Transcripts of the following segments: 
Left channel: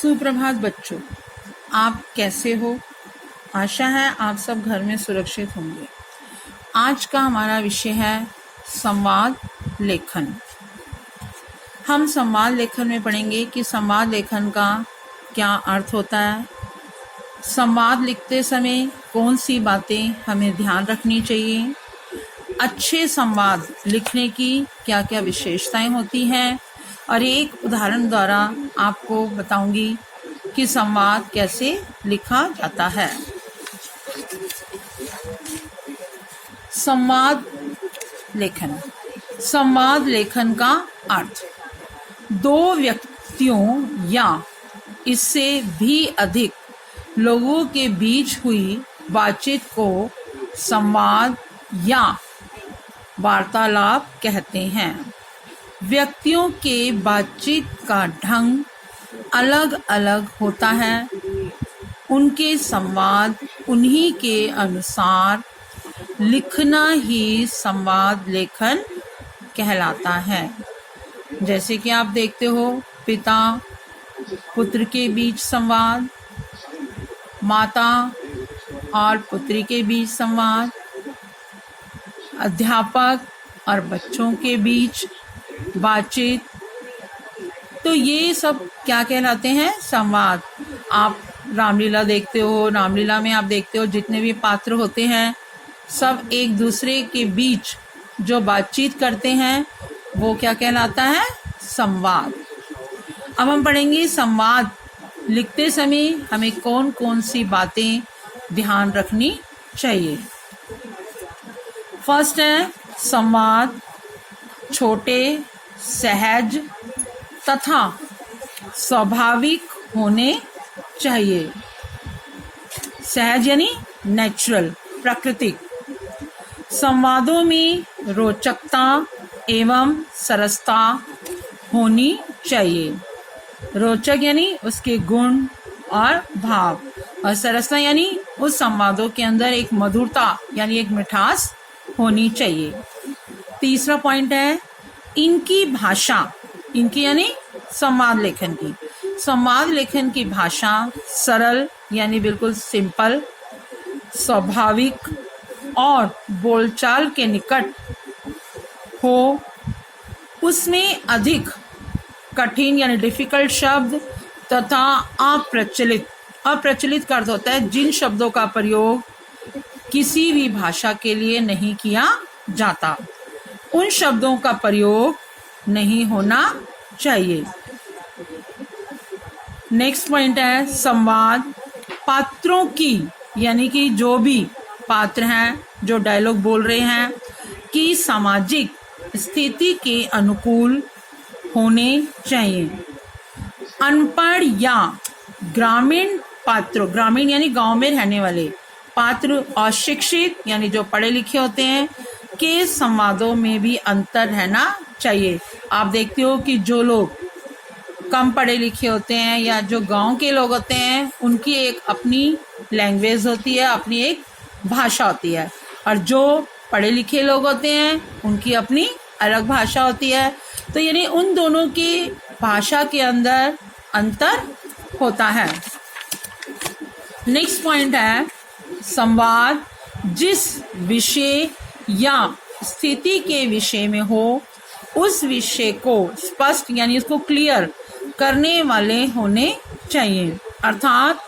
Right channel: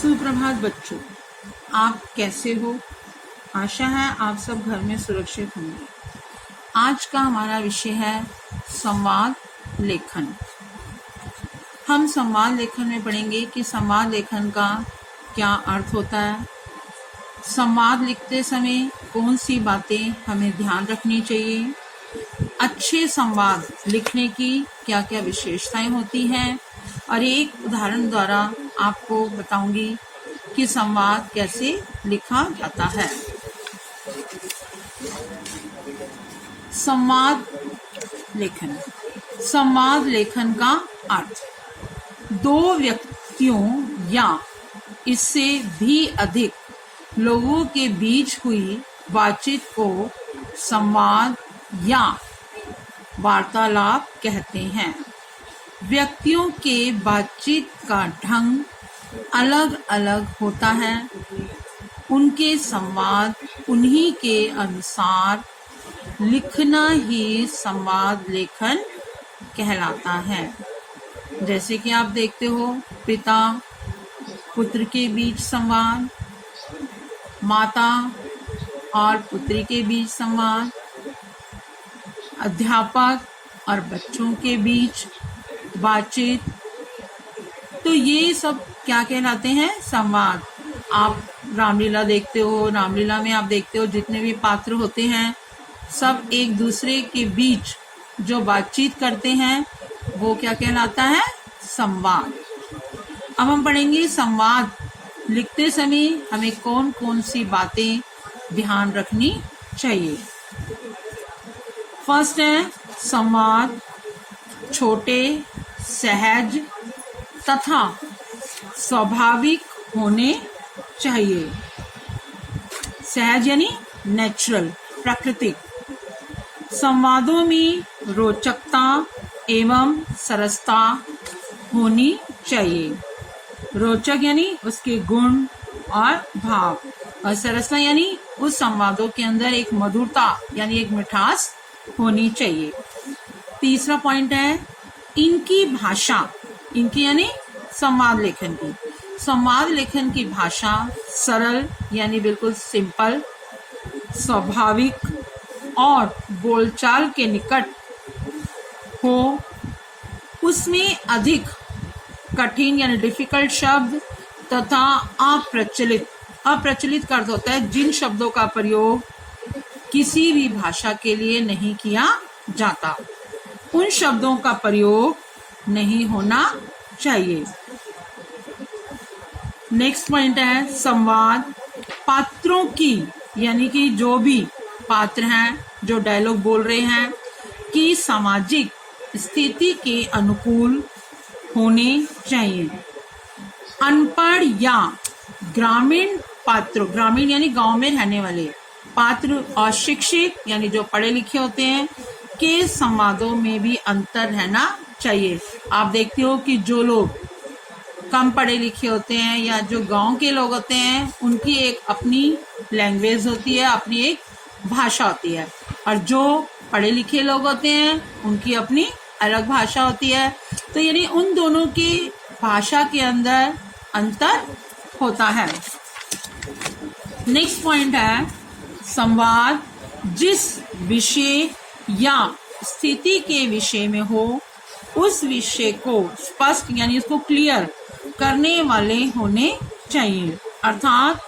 सुप्रभात बच्चों, आप कैसे हो? आशा है आप सब घर में सुरक्षित होंगे। आज का हमारा विषय है संवाद लेखन। हम संवाद लेखन में पढ़ेंगे कि संवाद लेखन का क्या अर्थ होता है, संवाद लिखते समय कौन सी बातें हमें ध्यान रखनी चाहिए, अच्छे संवाद लिखने की क्या क्या विशेषताएं होती हैं, और एक उदाहरण द्वारा आपको बताऊंगी कि संवाद कैसे लिखा जाता है। संवाद लेखन। संवाद लेखन का अर्थ दो व्यक्तियों या इससे भी अधिक लोगों के बीच हुई बातचीत को संवाद या वार्तालाप कहते हैं। व्यक्तियों के बातचीत का ढंग अलग अलग होता है, उनके संवाद उन्हीं के अनुसार लिखना ही संवाद लेखन कहलाता है। जैसे कि आप देखते हो, पिता पुत्र के बीच संवाद, माता और पुत्री के बीच संवाद, अध्यापक और बच्चों के बीच बातचीत, तो ये सब क्या कहलाते हैं? संवाद। आप रामलीला देखते हो, रामलीला में आप देखते हो जितने भी पात्र होते हैं सब एक दूसरे के बीच जो बातचीत करते हैं वो क्या कहलाता है? संवाद। अब हम पढ़ेंगे संवाद लिखते समय हमें कौन कौन सी बातें ध्यान रखनी चाहिए। फर्स्ट है, संवाद छोटे, सहज तथा स्वाभाविक होने चाहिए। सहज यानी नेचुरल, प्राकृतिक। संवादों में रोचकता एवं सरसता होनी चाहिए। रोचक यानी उसके गुण और भाव, और सरसता यानी उस संवादों के अंदर एक मधुरता यानी एक मिठास होनी चाहिए। तीसरा पॉइंट है, इनकी भाषा, इनकी यानी संवाद लेखन की, संवाद लेखन की भाषा सरल यानी बिल्कुल सिंपल, स्वाभाविक और बोलचाल के निकट हो। उसमें अधिक कठिन यानी डिफिकल्ट शब्द तथा अप्रचलित का अर्थ होता है जिन शब्दों का प्रयोग किसी भी भाषा के लिए नहीं किया जाता, उन शब्दों का प्रयोग नहीं होना चाहिए। नेक्स्ट पॉइंट है, संवाद पात्रों की यानी कि जो भी पात्र हैं, जो डायलॉग बोल रहे हैं, की सामाजिक स्थिति के अनुकूल होने चाहिए। अनपढ़ या ग्रामीण पात्रों, ग्रामीण यानी गांव में रहने वाले पात्र, और शिक्षित यानी जो पढ़े लिखे होते हैं, के संवादों में भी अंतर रहना चाहिए। आप देखते हो कि जो लोग कम पढ़े लिखे होते हैं या जो गांव के लोग होते हैं, उनकी एक अपनी लैंग्वेज होती है, अपनी एक भाषा होती है, और जो पढ़े लिखे लोग होते हैं उनकी अपनी अलग भाषा होती है। तो यानी उन दोनों की भाषा के अंदर अंतर होता है। नेक्स्ट पॉइंट है, संवाद जिस विषय या स्थिति के विषय में हो, उस विषय को स्पष्ट यानी उसको क्लियर करने वाले होने चाहिए। अर्थात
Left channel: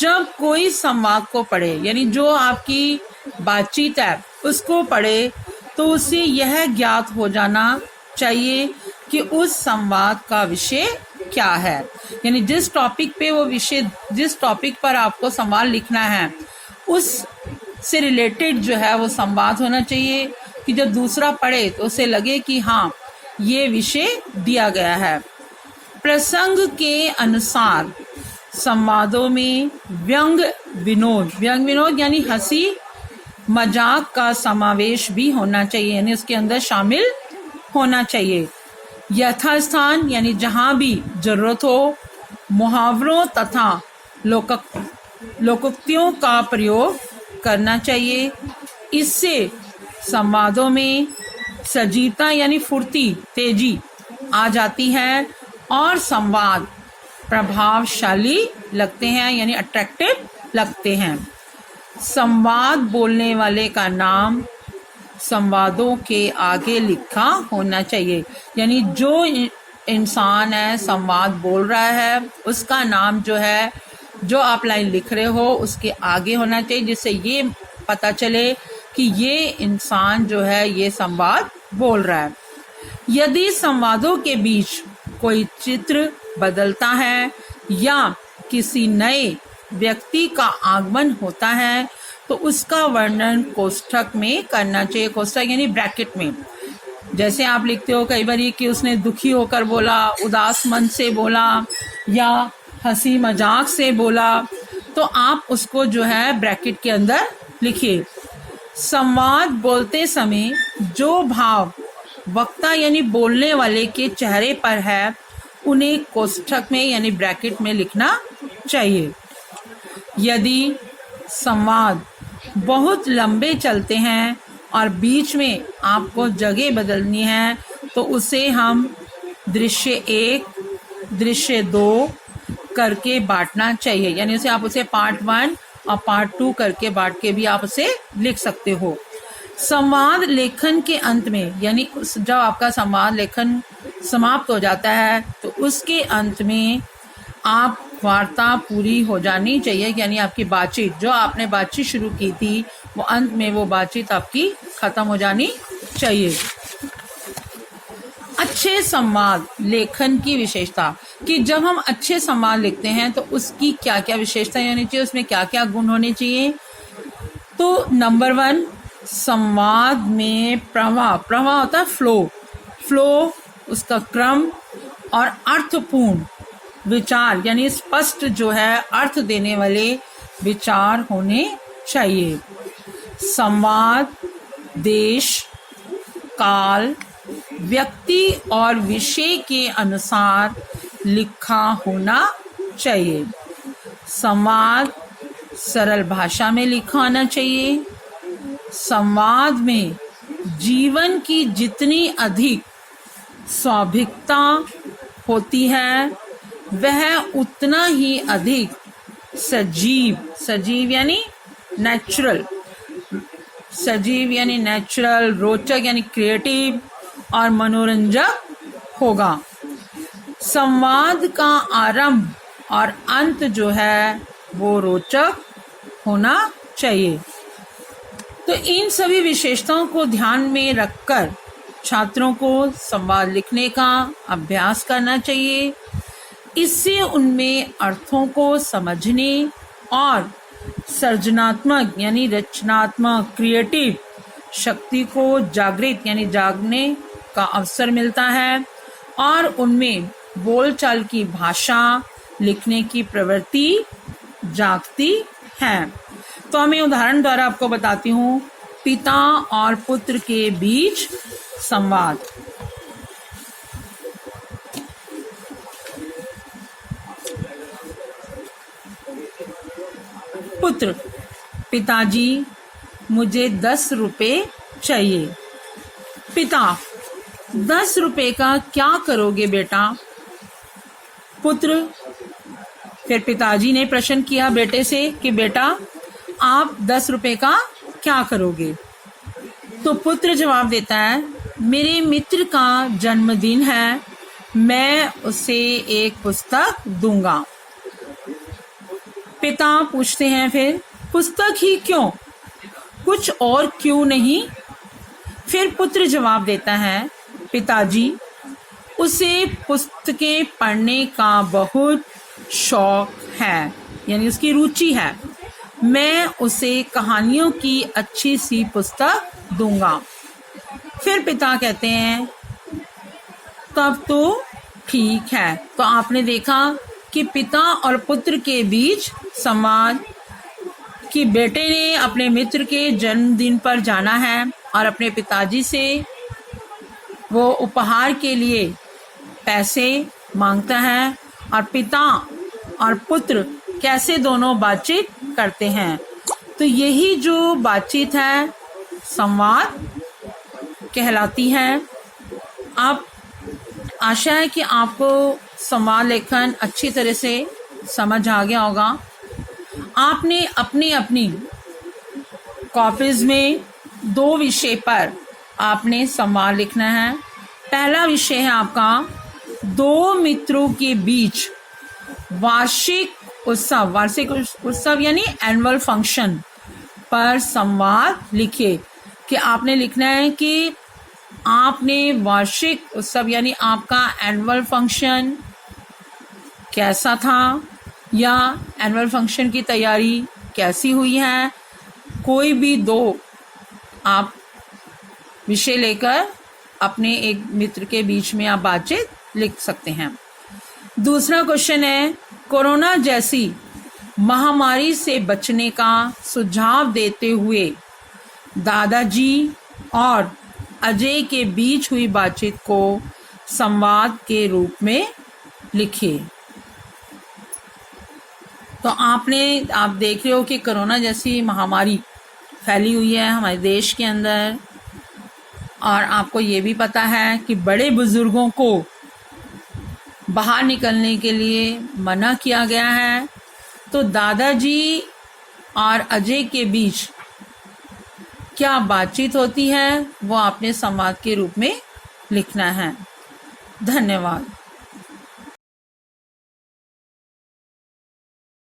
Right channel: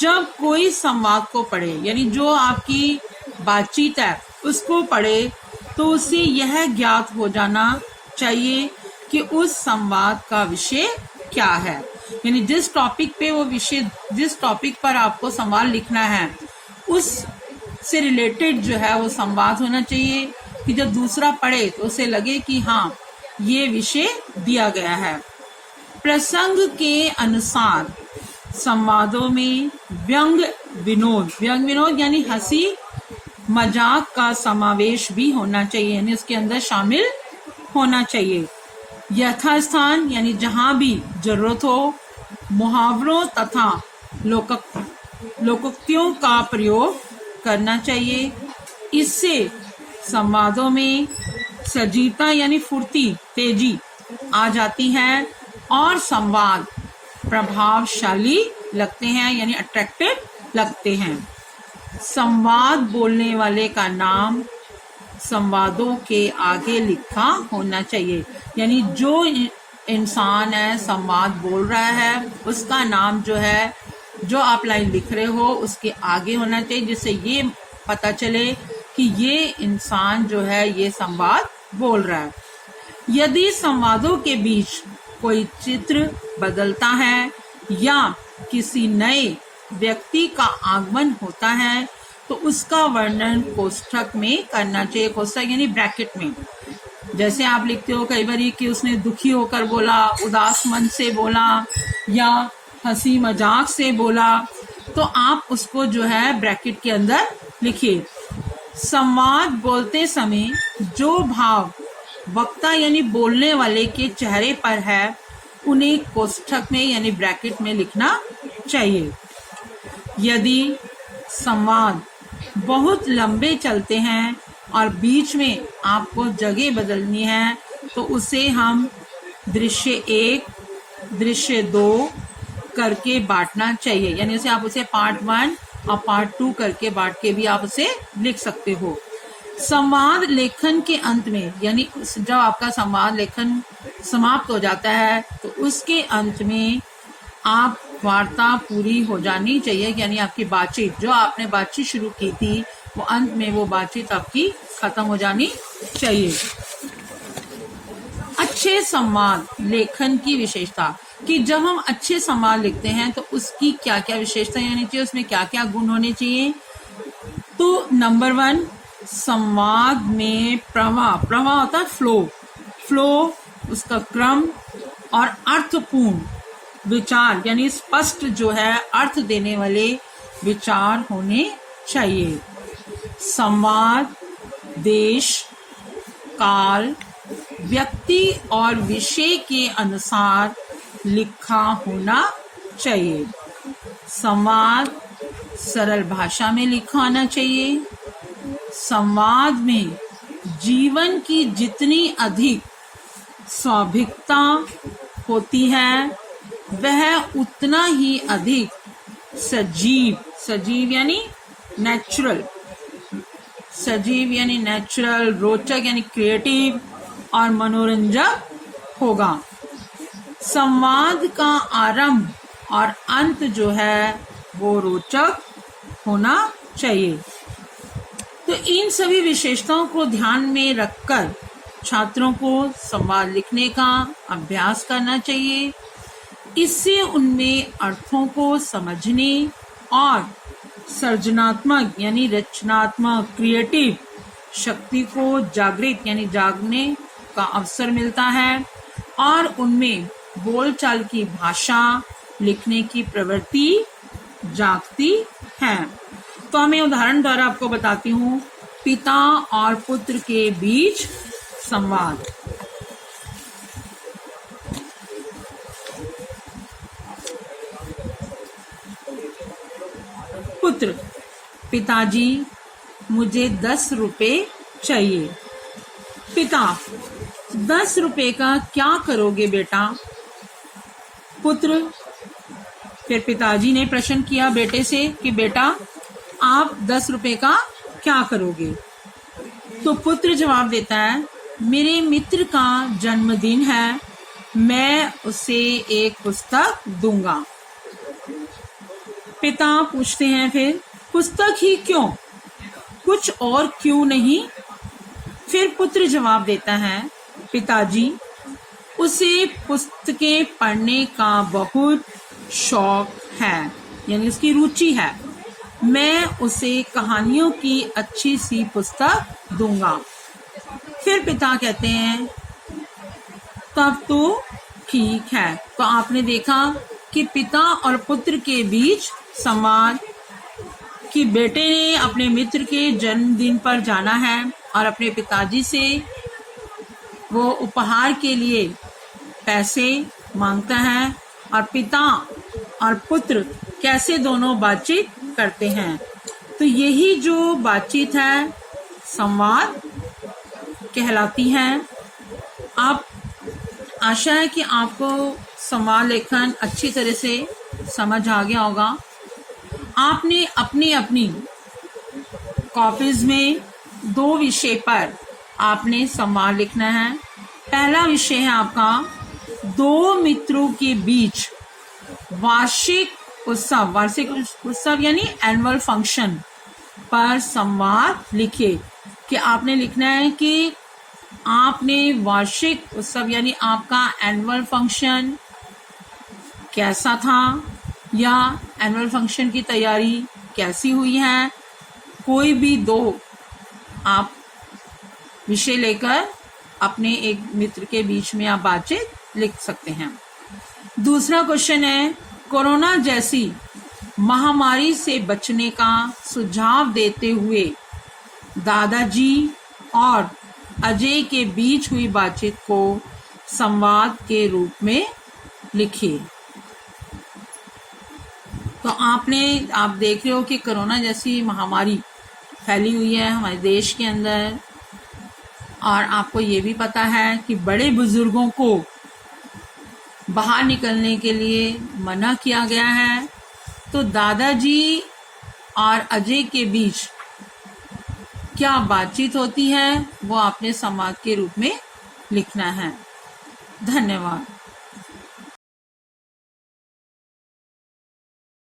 जब कोई संवाद को पढ़े यानी जो आपकी बातचीत है उसको पढ़े, तो उसे यह ज्ञात हो जाना चाहिए कि उस संवाद का विषय क्या है। यानी जिस टॉपिक पे वो विषय, जिस टॉपिक पर आपको संवाद लिखना है, उस से रिलेटेड जो है वो संवाद होना चाहिए कि जब दूसरा पढ़े तो उसे लगे कि हाँ ये विषय दिया गया है। प्रसंग के अनुसार संवादों में व्यंग विनोद यानी हंसी मजाक का समावेश भी होना चाहिए, यानी उसके अंदर शामिल होना चाहिए। यथास्थान यानी जहां भी जरूरत हो, मुहावरों तथा लोकोक्तियों का प्रयोग करना चाहिए। इससे संवादों में सजीवता यानी फुर्ती, तेजी आ जाती है और संवाद प्रभावशाली लगते हैं, यानी अट्रैक्टिव लगते हैं। संवाद बोलने वाले का नाम संवादों के आगे लिखा होना चाहिए, यानी जो इंसान है संवाद बोल रहा है उसका नाम जो है, जो आप लाइन लिख रहे हो उसके आगे होना चाहिए, जिससे ये पता चले कि ये इंसान जो है ये संवाद बोल रहा है। यदि संवादों के बीच कोई चित्र बदलता है या किसी नए व्यक्ति का आगमन होता है तो उसका वर्णन कोष्ठक में करना चाहिए। कोष्ठक यानी ब्रैकेट में। जैसे आप लिखते हो कई बार कि उसने दुखी होकर बोला, उदास मन से बोला या हंसी मजाक से बोला, तो आप उसको जो है ब्रैकेट के अंदर लिखिए। संवाद बोलते समय जो भाव वक्ता यानी बोलने वाले के चेहरे पर है उन्हें कोष्ठक में यानी ब्रैकेट में लिखना चाहिए। यदि संवाद बहुत लंबे चलते हैं और बीच में आपको जगह बदलनी है तो उसे हम दृश्य 1, दृश्य 2 करके बांटना चाहिए, यानी उसे आप उसे पार्ट 1 और पार्ट 2 करके बांट के भी आप उसे लिख सकते हो। संवाद लेखन के अंत में, यानी जब आपका संवाद लेखन समाप्त हो जाता है तो उसके अंत में आप वार्ता पूरी हो जानी चाहिए, यानी आपकी बातचीत जो आपने बातचीत शुरू की थी वो अंत में वो बातचीत आपकी खत्म हो जानी चाहिए। अच्छे संवाद लेखन की विशेषता, कि जब हम अच्छे संवाद लिखते हैं तो उसकी क्या क्या विशेषता होनी चाहिए, उसमें क्या क्या गुण होने चाहिए। तो नंबर 1, संवाद में प्रवाह होता है फ्लो, उसका क्रम और अर्थपूर्ण विचार, यानी स्पष्ट जो है अर्थ देने वाले विचार होने चाहिए। संवाद देश, काल, व्यक्ति और विषय के अनुसार लिखा होना चाहिए। संवाद सरल भाषा में लिखा होना चाहिए। संवाद में जीवन की जितनी अधिक स्वाभाविकता होती है वह उतना ही अधिक सजीव यानी नेचुरल, रोचक यानी क्रिएटिव और मनोरंजक होगा। संवाद का आरंभ और अंत जो है वो रोचक होना चाहिए। तो इन सभी विशेषताओं को ध्यान में रखकर छात्रों को संवाद लिखने का अभ्यास करना चाहिए। इससे उनमें अर्थों को समझने और सृजनात्मक यानी रचनात्मक क्रिएटिव शक्ति को जागृत यानी जागने का अवसर मिलता है और उनमें बोलचाल की भाषा लिखने की प्रवृत्ति जागती है। तो मैं उदाहरण द्वारा आपको बताती हूँ। पिता और पुत्र के बीच संवाद। पुत्र, पिताजी मुझे 10 रुपए चाहिए। पिता, 10 रुपए का क्या करोगे बेटा? पुत्र, फिर पिताजी ने प्रश्न किया बेटे से कि बेटा आप 10 रुपए का क्या करोगे? तो पुत्र जवाब देता है, मेरे मित्र का जन्मदिन है, मैं उसे एक पुस्तक दूंगा। पिता पूछते हैं फिर पुस्तक ही क्यों, कुछ और क्यों नहीं? फिर पुत्र जवाब देता है, पिताजी उसे पुस्तकें पढ़ने का बहुत शौक है, यानी उसकी रुचि है, मैं उसे कहानियों की अच्छी सी पुस्तक दूंगा। फिर पिता कहते हैं तब तो ठीक है। तो आपने देखा कि पिता और पुत्र के बीच संवाद, कि बेटे ने अपने मित्र के जन्मदिन पर जाना है और अपने पिताजी से वो उपहार के लिए पैसे मांगता है और पिता और पुत्र कैसे दोनों बातचीत करते हैं। तो यही जो बातचीत है संवाद कहलाती है। अब आशा है कि आपको संवाद लेखन अच्छी तरह से समझ आ गया होगा। आपने अपनी अपनी कॉपीज में 2 विषय पर आपने संवाद लिखना है। पहला विषय है आपका 2 मित्रों के बीच वार्षिक उत्सव यानी एनुअल फंक्शन पर संवाद लिखिए। कि आपने लिखना है कि आपने वार्षिक उत्सव यानी आपका एनुअल फंक्शन कैसा था, या एनुअल फंक्शन की तैयारी कैसी हुई है। कोई भी 2 आप विषय लेकर अपने एक मित्र के बीच में आप बातचीत लिख सकते हैं। दूसरा क्वेश्चन है, कोरोना जैसी महामारी से बचने का सुझाव देते हुए दादाजी और अजय के बीच हुई बातचीत को संवाद के रूप में लिखिए। तो आप देख रहे हो कि कोरोना जैसी महामारी फैली हुई है हमारे देश के अंदर, और आपको ये भी पता है कि बड़े बुजुर्गों को बाहर निकलने के लिए मना किया गया है। तो दादाजी और अजय के बीच क्या बातचीत होती है वो आपने संवाद के रूप में लिखना है। धन्यवाद।